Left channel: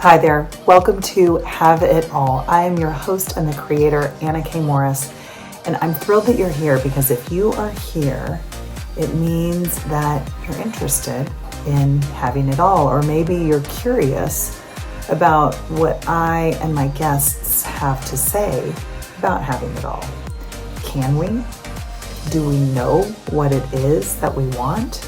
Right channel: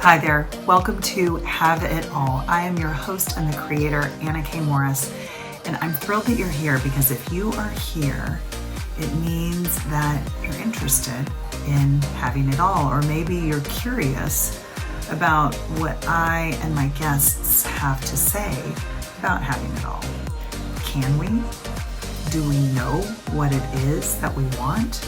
Hi there. Welcome to Have It All. I am your host and the creator, Anna K. Morris, and I'm thrilled that you're here because if you are here, it means that you're interested in having it all, or maybe you're curious about what I and my guests have to say about having it all. Can we? Do we know what it is that we want?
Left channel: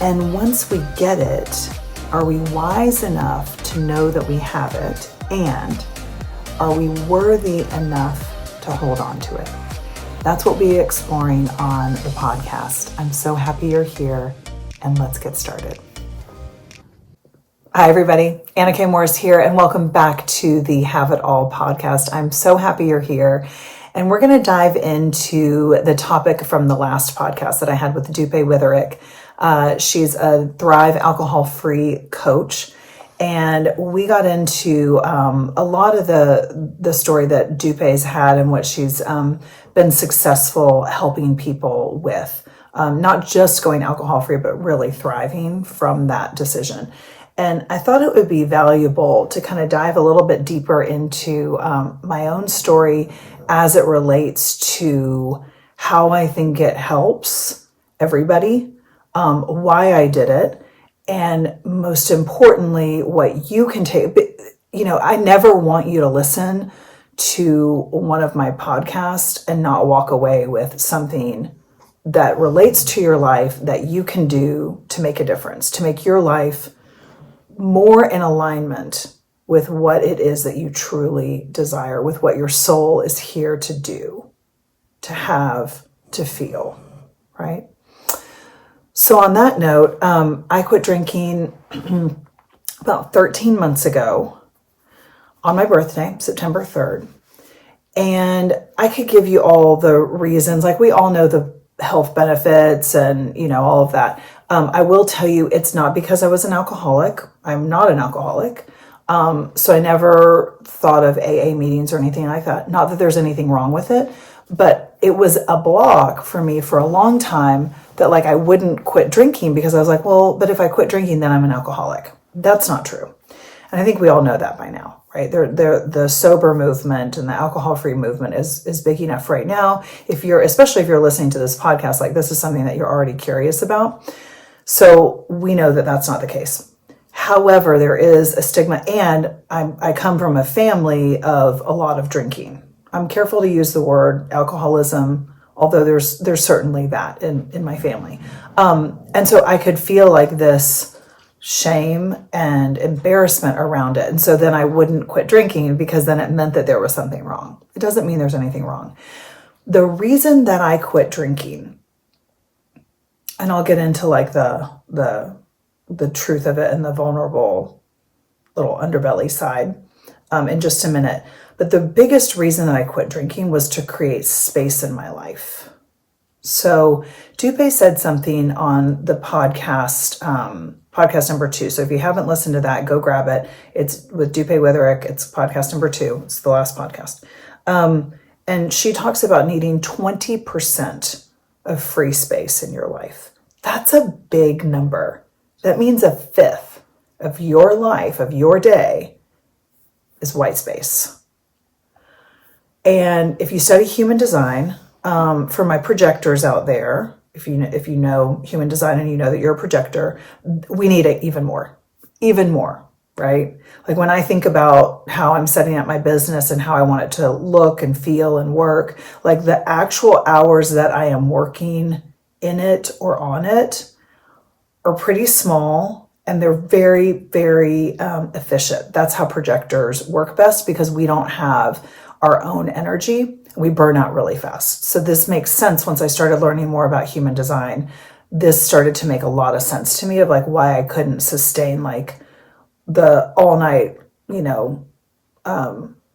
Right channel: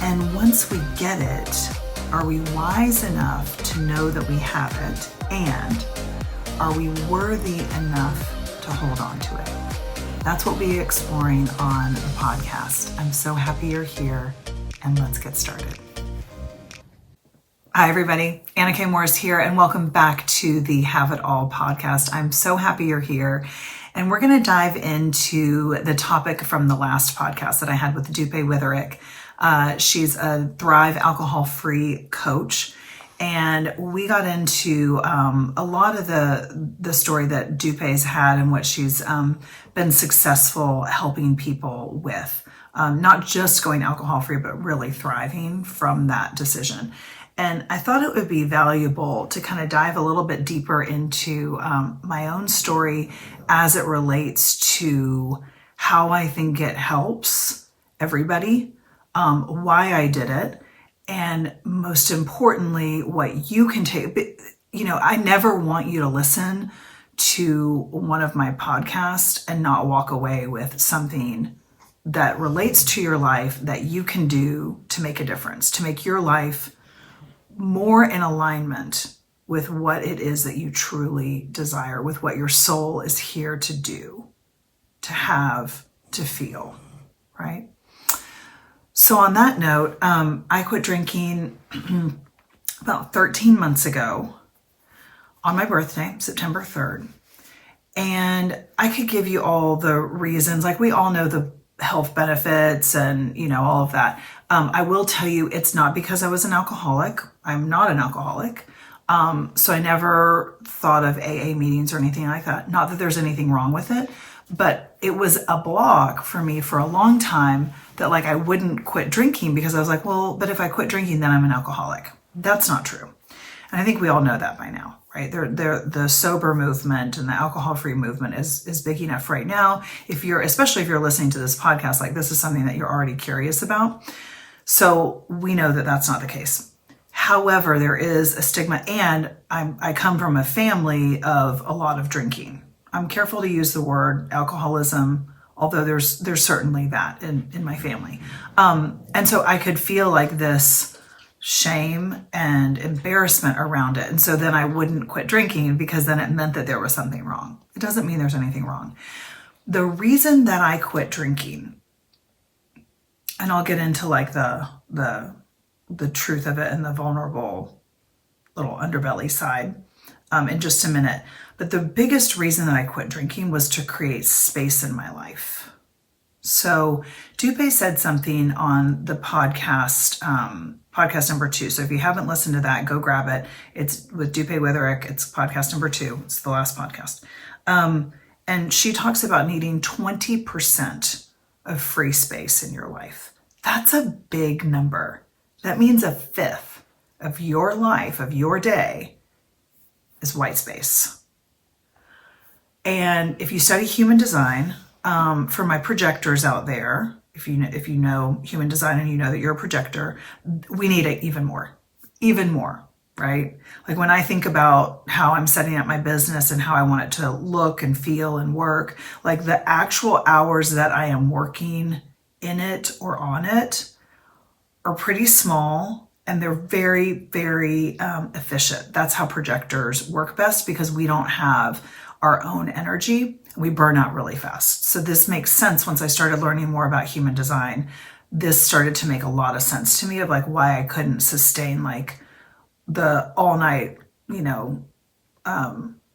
And once we get it, are we wise enough to know that we have it? And are we worthy enough to hold on to it? That's what we'll be exploring on the podcast. I'm so happy you're here, and let's get started. Hi, everybody. Anna K. Morris here, and welcome back to the Have It All podcast. I'm so happy you're here. And we're going to dive into the topic from the last podcast that I had with Dupe Witherick. She's a Thrive alcohol-free coach. And we got into a lot of the story that Dupe's had and what she's been successful helping people with. Not just going alcohol-free, but really thriving from that decision. And I thought it would be valuable to kind of dive a little bit deeper into my own story as it relates to how I think it helps everybody, why I did it, and most importantly, what you can take. I never want you to listen to one of my podcasts and not walk away with something that relates to your life that you can do to make a difference, to make your life more in alignment with what it is that you truly desire, with what your soul is here to do, to have, to feel, right? So on that note, I quit drinking about 13 months ago on my birthday, September 3rd. And I could give you all the reasons, like we all know the health benefits and, all of that. I will tell you, it's not because I was an alcoholic. I'm not an alcoholic. So I never thought of AA meetings or anything like that. Not that there's anything wrong with it, but it was a block for me for a long time that I wouldn't quit drinking because I was like, well, but if I quit drinking, then I'm an alcoholic. That's not true. And I think we all know that by now, right? The sober movement and the alcohol-free movement is big enough right now. Especially if you're listening to this podcast, this is something that you're already curious about. So we know that that's not the case. However, there is a stigma, and I come from a family of a lot of drinking. I'm careful to use the word alcoholism, although there's certainly that in my family. And so I could feel this shame and embarrassment around it. And so then I wouldn't quit drinking because then it meant that there was something wrong. It doesn't mean there's anything wrong. The reason that I quit drinking, and I'll get into the truth of it and the vulnerable little underbelly side in just a minute. But the biggest reason that I quit drinking was to create space in my life. So Dupe said something on the podcast, podcast number 2. So if you haven't listened to that, go grab it. It's with Dupe Witherick. It's podcast number 2. It's the last podcast. And she talks about needing 20% of free space in your life. That's a big number. That means a fifth of your life, of your day, is white space. And if you study human design, for my projectors out there, if you know human design and you know that you're a projector, we need it even more, right? When I think about how I'm setting up my business and how I want it to look and feel and work, the actual hours that I am working in it or on it are pretty small, and they're very, very efficient. That's how projectors work best because we don't have our own energy. We burn out really fast. So this makes sense. Once I started learning more about human design, this started to make a lot of sense to me of why I couldn't sustain the all night,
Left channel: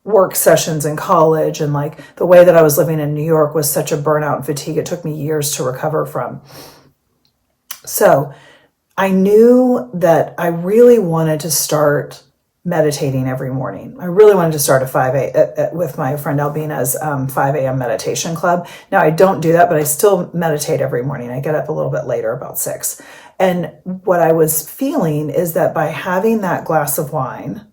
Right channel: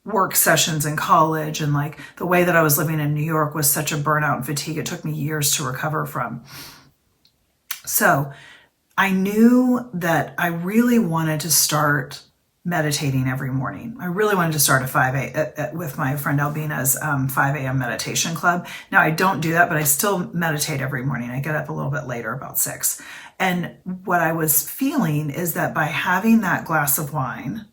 work sessions in college, and the way that I was living in New York was such a burnout and fatigue. It took me years to recover from. So I knew that I really wanted to start meditating every morning. I really wanted to start with my friend Albina's 5 a.m. meditation club. Now I don't do that, but I still meditate every morning. I get up a little bit later, about 6. And what I was feeling is that by having that glass of wine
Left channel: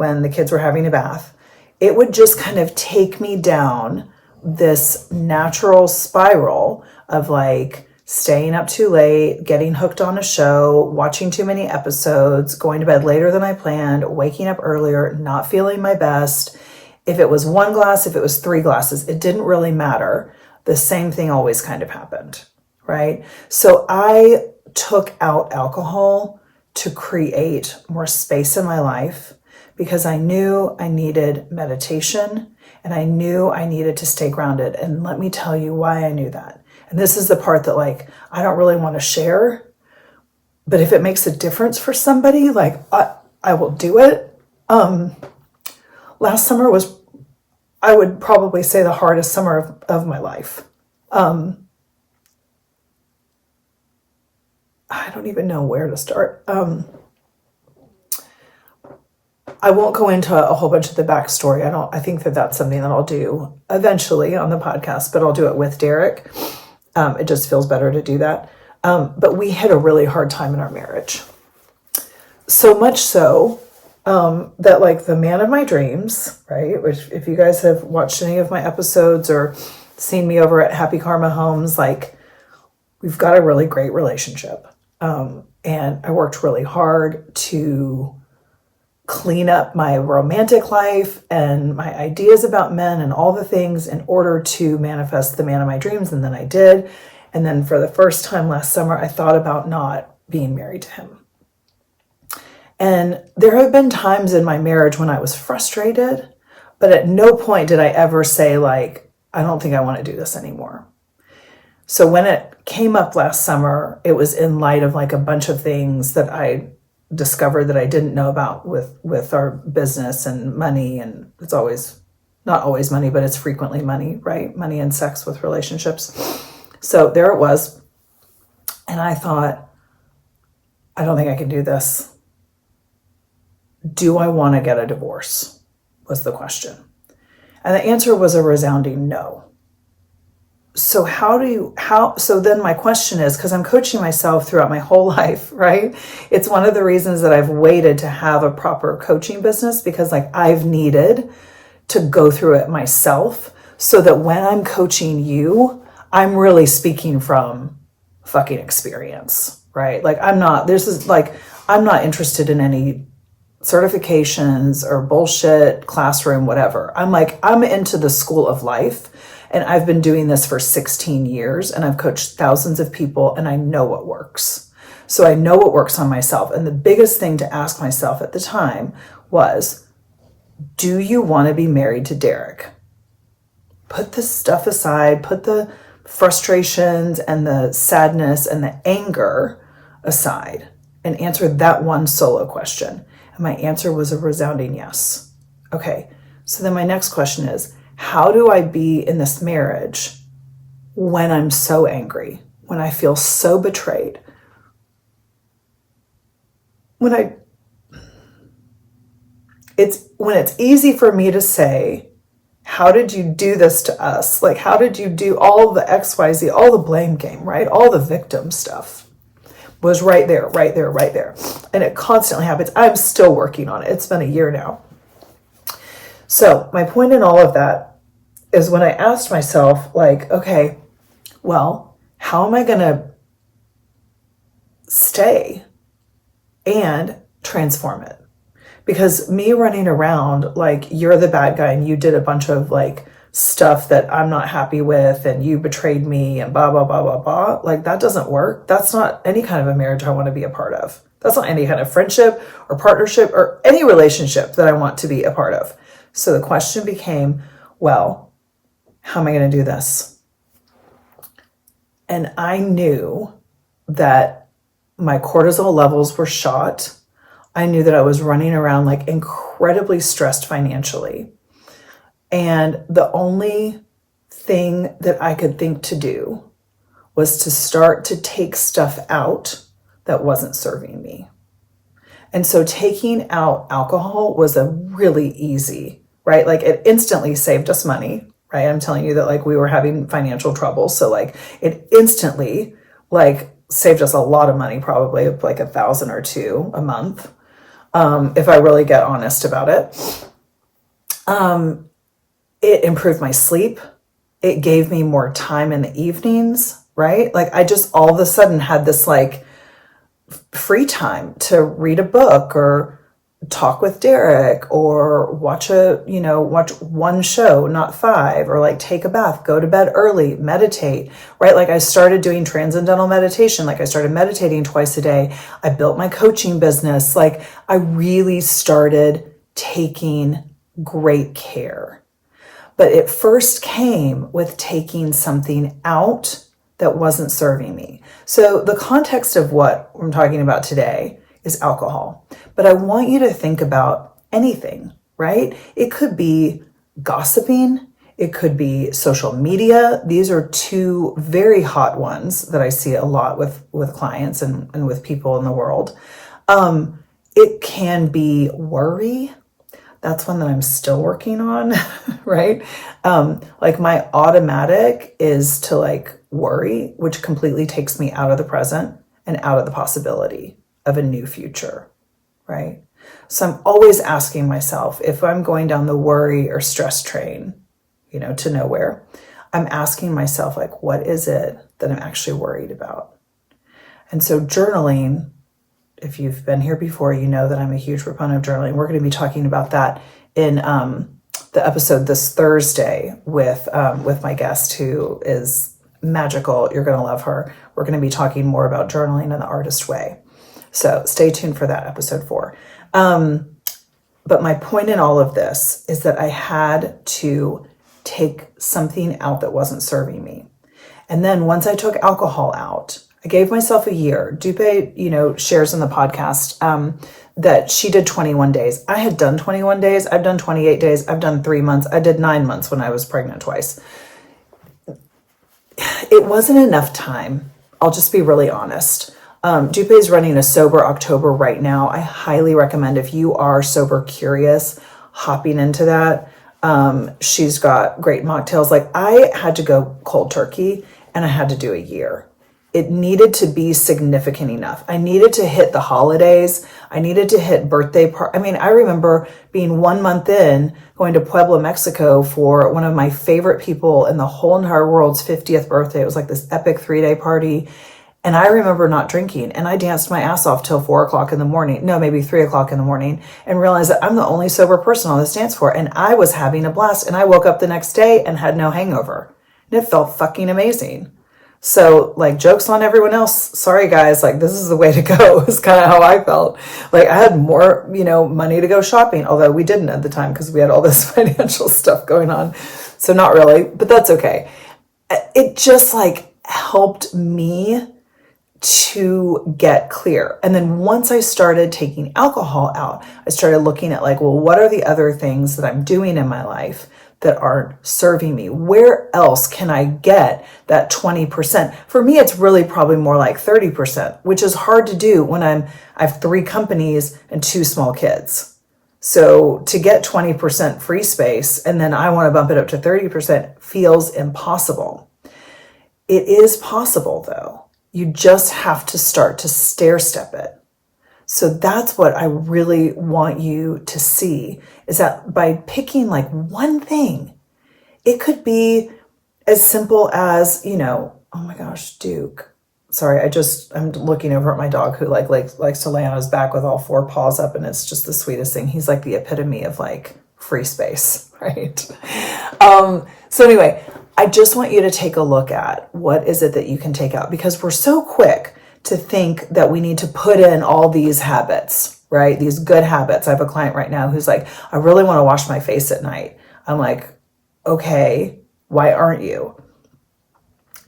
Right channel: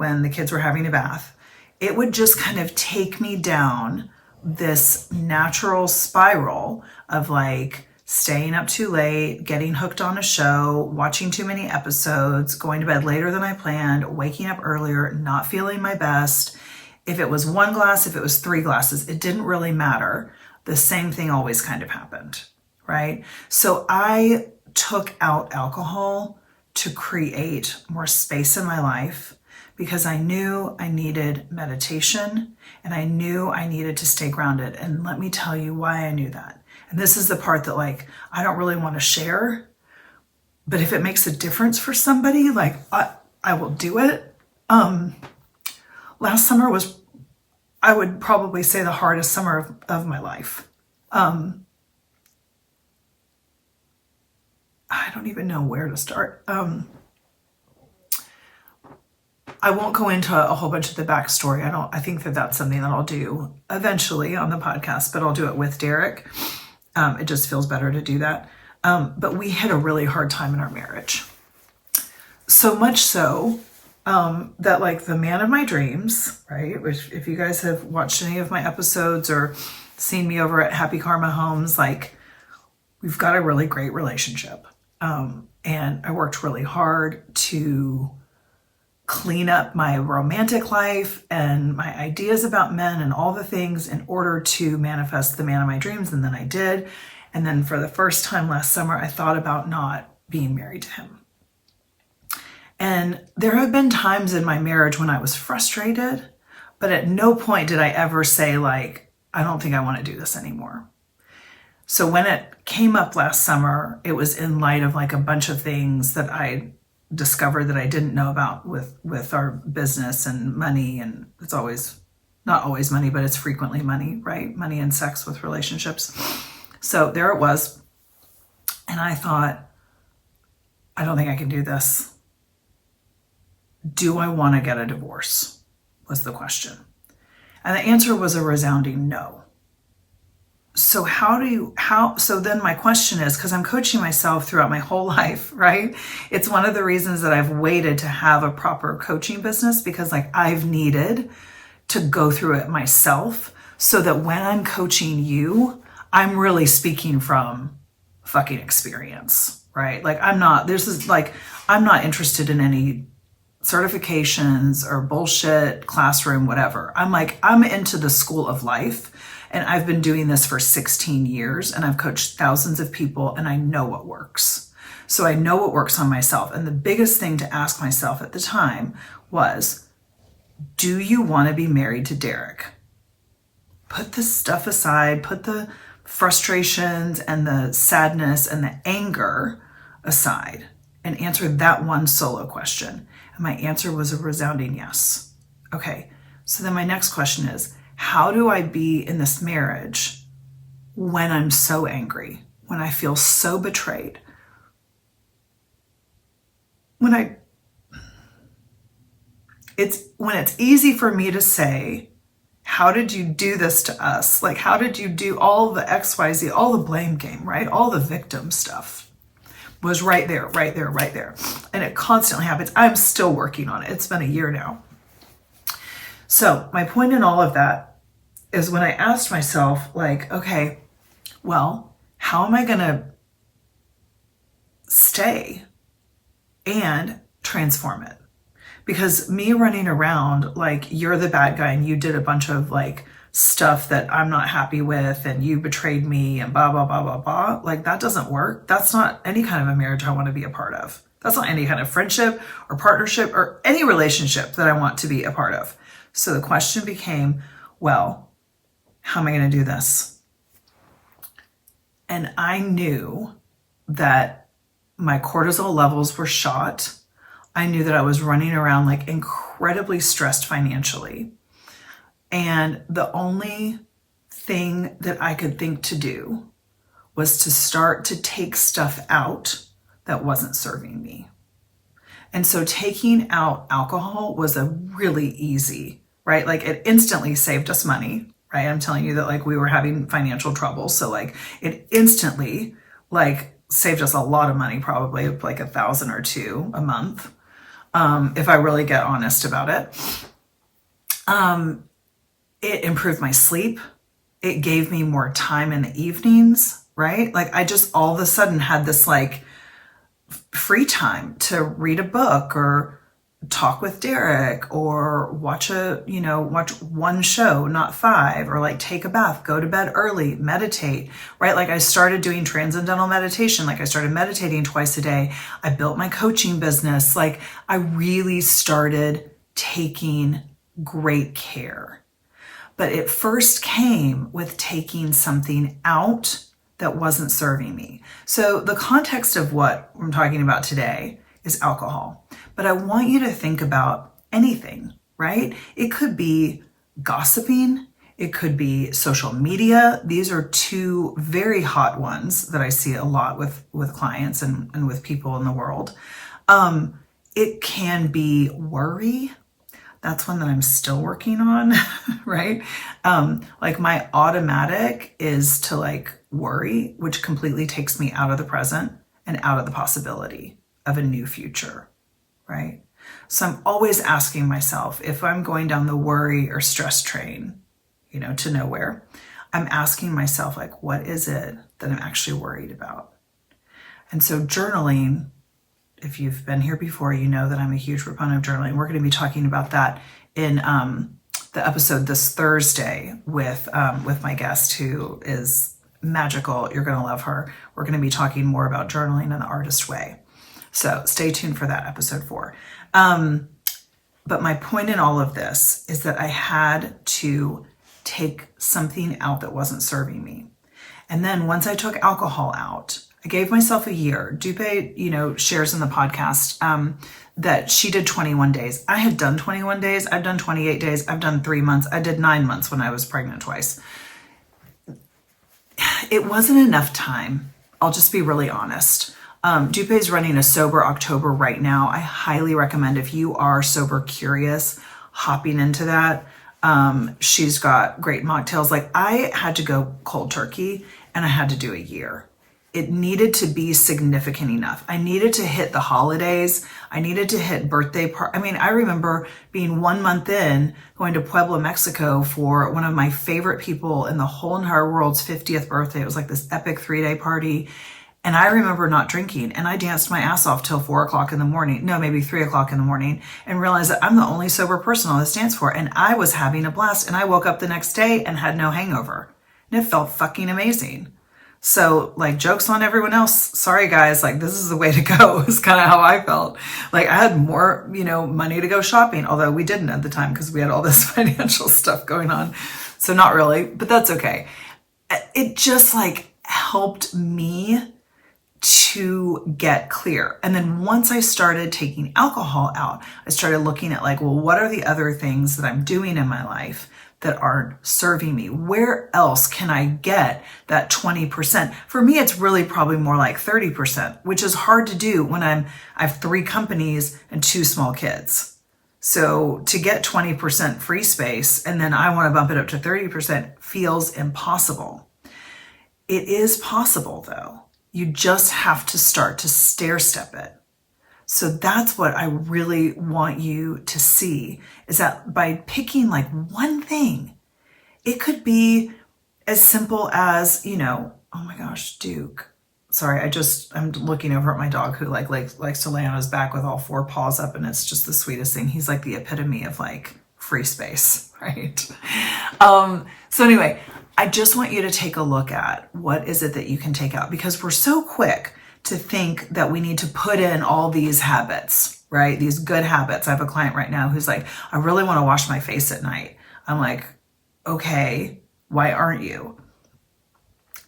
when the kids were having a bath, it would just kind of take me down this natural spiral of like staying up too late, getting hooked on a show, watching too many episodes, going to bed later than I planned, waking up earlier, not feeling my best. If it was 1 glass, if it was 3 glasses, it didn't really matter. The same thing always kind of happened, right? So I took out alcohol to create more space in my life because I knew I needed meditation and I knew I needed to stay grounded. And let me tell you why I knew that. And this is the part that like, I don't really want to share, but if it makes a difference for somebody, like I will do it. Last summer was, I would probably say, the hardest summer of my life. I don't even know where to start. I won't go into a whole bunch of the backstory. I think that that's something that I'll do eventually on the podcast, but I'll do it with Derek. It just feels better to do that. But we had a really hard time in our marriage. So much so that like the man of my dreams, right? Which if you guys have watched any of my episodes or seen me over at Happy Karma Homes, like we've got a really great relationship. And I worked really hard to clean up my romantic life and my ideas about men and all the things in order to manifest the man of my dreams. And then I did. And then for the first time last summer, I thought about not being married to him. And there have been times in my marriage when I was frustrated, but at no point did I ever say like, I don't think I want to do this anymore. So when it came up last summer, it was in light of like a bunch of things that I discovered that I didn't know about with our business and money. And it's always, not always money, but it's frequently money, right? Money and sex with relationships. So there it was. And I thought, I don't think I can do this. Do I want to get a divorce? Was the question. And the answer was a resounding no. So so then my question is, because I'm coaching myself throughout my whole life, right? It's one of the reasons that I've waited to have a proper coaching business, because like I've needed to go through it myself so that when I'm coaching you, I'm really speaking from fucking experience, right? Like I'm not interested in any certifications or bullshit classroom, whatever. I'm into the school of life. And I've been doing this for 16 years and I've coached thousands of people and I know what works. So I know what works on myself. And the biggest thing to ask myself at the time was, do you want to be married to Derek? Put the stuff aside, put the frustrations and the sadness and the anger aside and answer that one solo question. And my answer was a resounding yes. Okay, so then my next question is, how do I be in this marriage when I'm so angry, when I feel so betrayed? When it's easy for me to say, how did you do this to us? Like, how did you do all the XYZ, all the blame game, right? All the victim stuff was right there. And it constantly happens. I'm still working on it. It's been a year now. So my point in all of that is when I asked myself, like, okay, well, how am I going to stay and transform it? Because me running around like you're the bad guy and you did a bunch of like stuff that I'm not happy with and you betrayed me and blah, blah, blah, blah, blah. Like that doesn't work. That's not any kind of a marriage I want to be a part of. That's not any kind of friendship or partnership or any relationship that I want to be a part of. So the question became, well, how am I going to do this? And I knew that my cortisol levels were shot. I knew that I was running around like incredibly stressed financially. And the only thing that I could think to do was to start to take stuff out that wasn't serving me. And so taking out alcohol was a really easy, right? Like it instantly saved us money. Right? I'm telling you that like we were having financial trouble. So like it instantly like saved us a lot of money, probably like $1,000 or $2,000 a month. if I really get honest about it. It improved my sleep. It gave me more time in the evenings, right? Like I just all of a sudden had this like free time to read a book or talk with Derek or watch one show, not five, or like take a bath, go to bed early, meditate, right? Like I started doing transcendental meditation. Like I started meditating twice a day. I built my coaching business. Like I really started taking great care. But it first came with taking something out that wasn't serving me. So the context of what I'm talking about today is alcohol. But I want you to think about anything, right? It could be gossiping. It could be social media. These are two very hot ones that I see a lot with clients and with people in the world. It can be worry. That's one that I'm still working on, right? Like my automatic is to like worry, which completely takes me out of the present and out of the possibility of a new future, right? So I'm always asking myself if I'm going down the worry or stress train, to nowhere, I'm asking myself like, what is it that I'm actually worried about? And so journaling, if you've been here before, you know that I'm a huge proponent of journaling. We're going to be talking about that in the episode this Thursday with my guest who is magical. You're going to love her. We're going to be talking more about journaling in the artist way. So stay tuned for that episode 4. But my point in all of this is that I had to take something out that wasn't serving me. And then once I took alcohol out, I gave myself a year. Dupe, shares in the podcast that she did 21 days. I had done 21 days. I've done 28 days. I've done 3 months. I did 9 months when I was pregnant twice. It wasn't enough time. I'll just be really honest. Dupe is running a sober October right now. I highly recommend if you are sober curious, hopping into that. She's got great mocktails. Like I had to go cold turkey and I had to do a year. It needed to be significant enough. I needed to hit the holidays. I needed to hit birthday part. I mean, I remember being 1 month in, going to Puebla, Mexico for one of my favorite people in the whole entire world's 50th birthday. It was like this epic 3-day party. And I remember not drinking and I danced my ass off till 4 o'clock in the morning. No, maybe 3 o'clock in the morning, and realized that I'm the only sober person on this dance floor. And I was having a blast, and I woke up the next day and had no hangover. And it felt fucking amazing. So like, jokes on everyone else. Sorry guys, like this is the way to go is kind of how I felt. Like I had more, money to go shopping, although we didn't at the time because we had all this financial stuff going on. So not really, but that's okay. It just like helped me to get clear. And then once I started taking alcohol out, I started looking at like, well, what are the other things that I'm doing in my life that aren't serving me? Where else can I get that 20%? For me, it's really probably more like 30%, which is hard to do when I have 3 companies and 2 small kids. So to get 20% free space and then I want to bump it up to 30% feels impossible. It is possible though. You just have to start to stair step it. So that's what I really want you to see, is that by picking like one thing, it could be as simple as, oh my gosh, Duke. Sorry, I'm looking over at my dog who likes to lay on his back with all 4 paws up, and it's just the sweetest thing. He's like the epitome of like free space, right? So anyway, I just want you to take a look at what is it that you can take out, because we're so quick to think that we need to put in all these habits, right? These good habits. I have a client right now who's like, I really want to wash my face at night. I'm like, okay, why aren't you?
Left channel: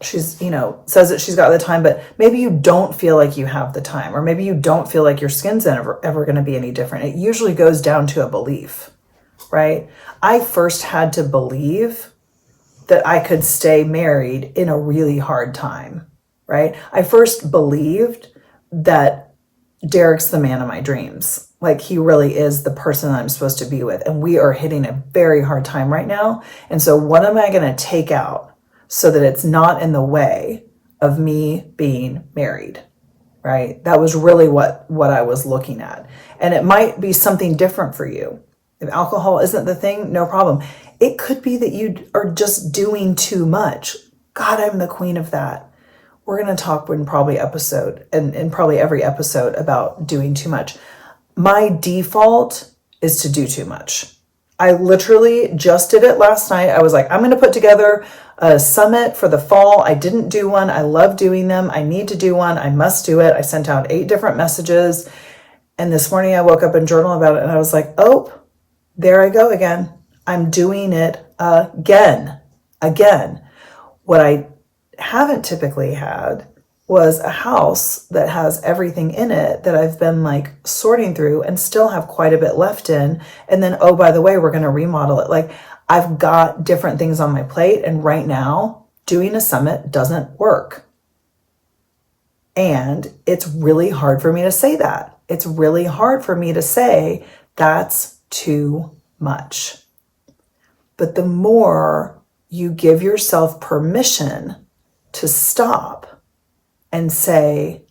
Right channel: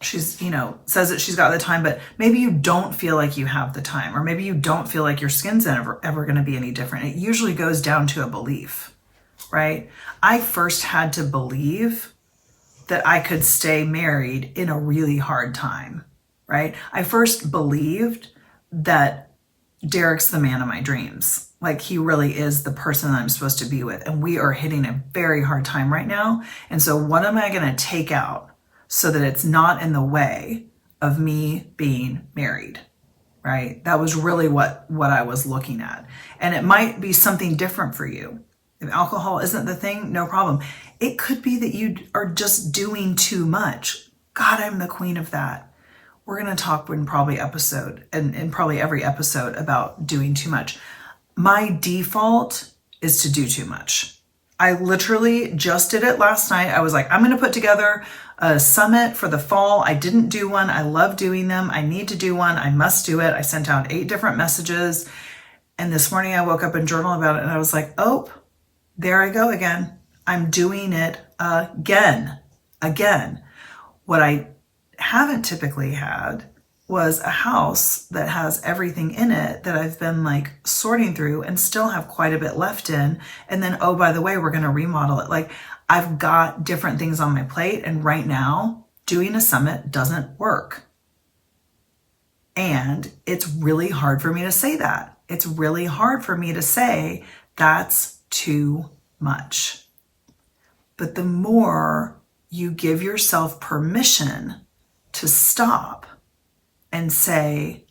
She's, says that she's got the time, but maybe you don't feel like you have the time, or maybe you don't feel like your skin's ever going to be any different. It usually goes down to a belief, right? I first had to believe that I could stay married in a really hard time. Right? I first believed that Derek's the man of my dreams. Like he really is the person that I'm supposed to be with. And we are hitting a very hard time right now. And so what am I going to take out so that it's not in the way of me being married? right? That was really what I was looking at. And it might be something different for you. If alcohol isn't the thing, no problem. It could be that you are just doing too much. God, I'm the queen of that. We're going to talk in probably every episode about doing too much. My default is to do too much. I literally just did it last night. I was like, I'm going to put together a summit for the fall. I didn't do one. I love doing them. I need to do one. I must do it. I sent out 8 different messages. And this morning I woke up and journaled about it. And I was like, oh, there I go again. I'm doing it again. What I haven't typically had was a house that has everything in it that I've been like sorting through and still have quite a bit left in. And then, oh, by the way, we're going to remodel it. Like, I've got different things on my plate. And right now, doing a summit doesn't work. And it's really hard for me to say that. It's really hard for me to say that's too much. But the more you give yourself permission to stop and say,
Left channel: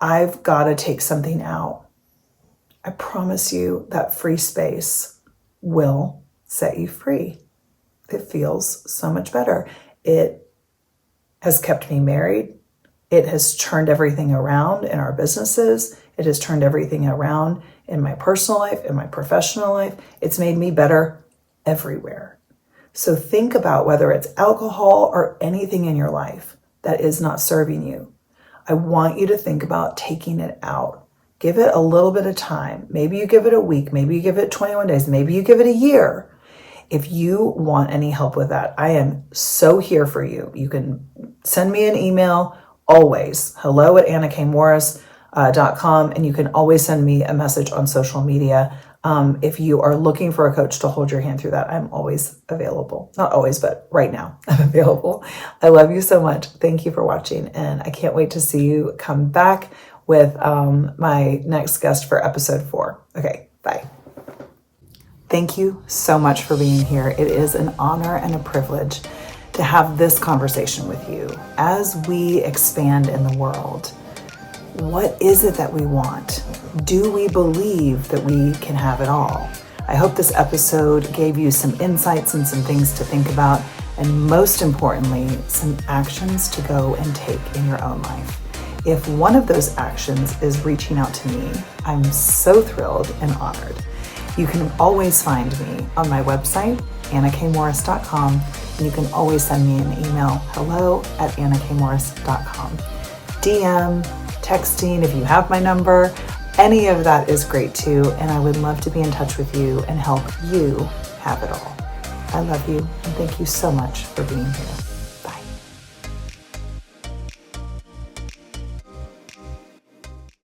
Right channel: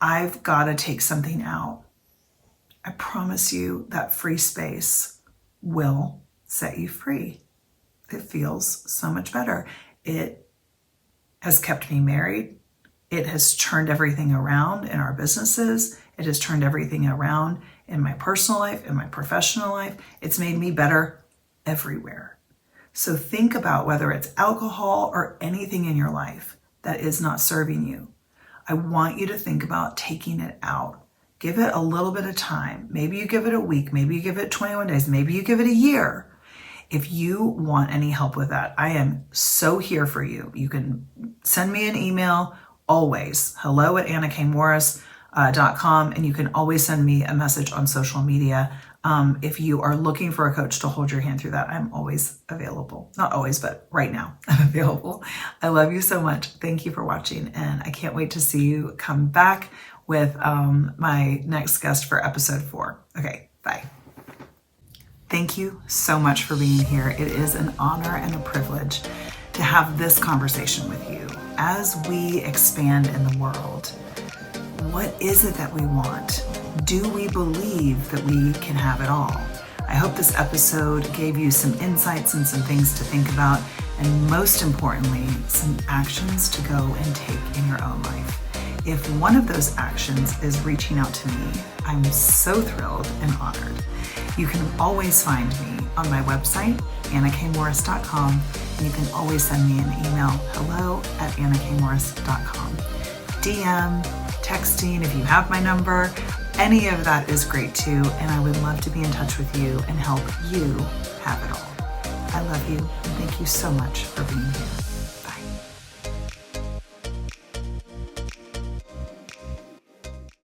I've got to take something out, I promise you that free space will set you free. It feels so much better. It has kept me married. It has turned everything around in our businesses. It has turned everything around in my personal life, in my professional life. It's made me better everywhere. So think about whether it's alcohol or anything in your life that is not serving you. I want you to think about taking it out. Give it a little bit of time. Maybe you give it a week. Maybe you give it 21 days. Maybe you give it a year. If you want any help with that, I am so here for you. You can send me an email always, hello@annakmorris.com, and you can always send me a message on social media. If you are looking for a coach to hold your hand through that, I'm always available. Not always, but right now I'm available. I love you so much. Thank you for watching. And I can't wait to see you come back with my next guest for episode 4. Okay, bye. Thank you so much for being here. It is an honor and a privilege to have this conversation with you as we expand in the world. What is it that we want? Do we believe that we can have it all? I hope this episode gave you some insights and some things to think about, and most importantly, some actions to go and take in your own life. If one of those actions is reaching out to me, I'm so thrilled and honored. You can always find me on my website, annakmorris.com, and you can always send me an email, hello@annakmorris.com. DM, texting, if you have my number, any of that is great too, and I would love to be in touch with you and help you have it all. I love you, and thank you so much for being here.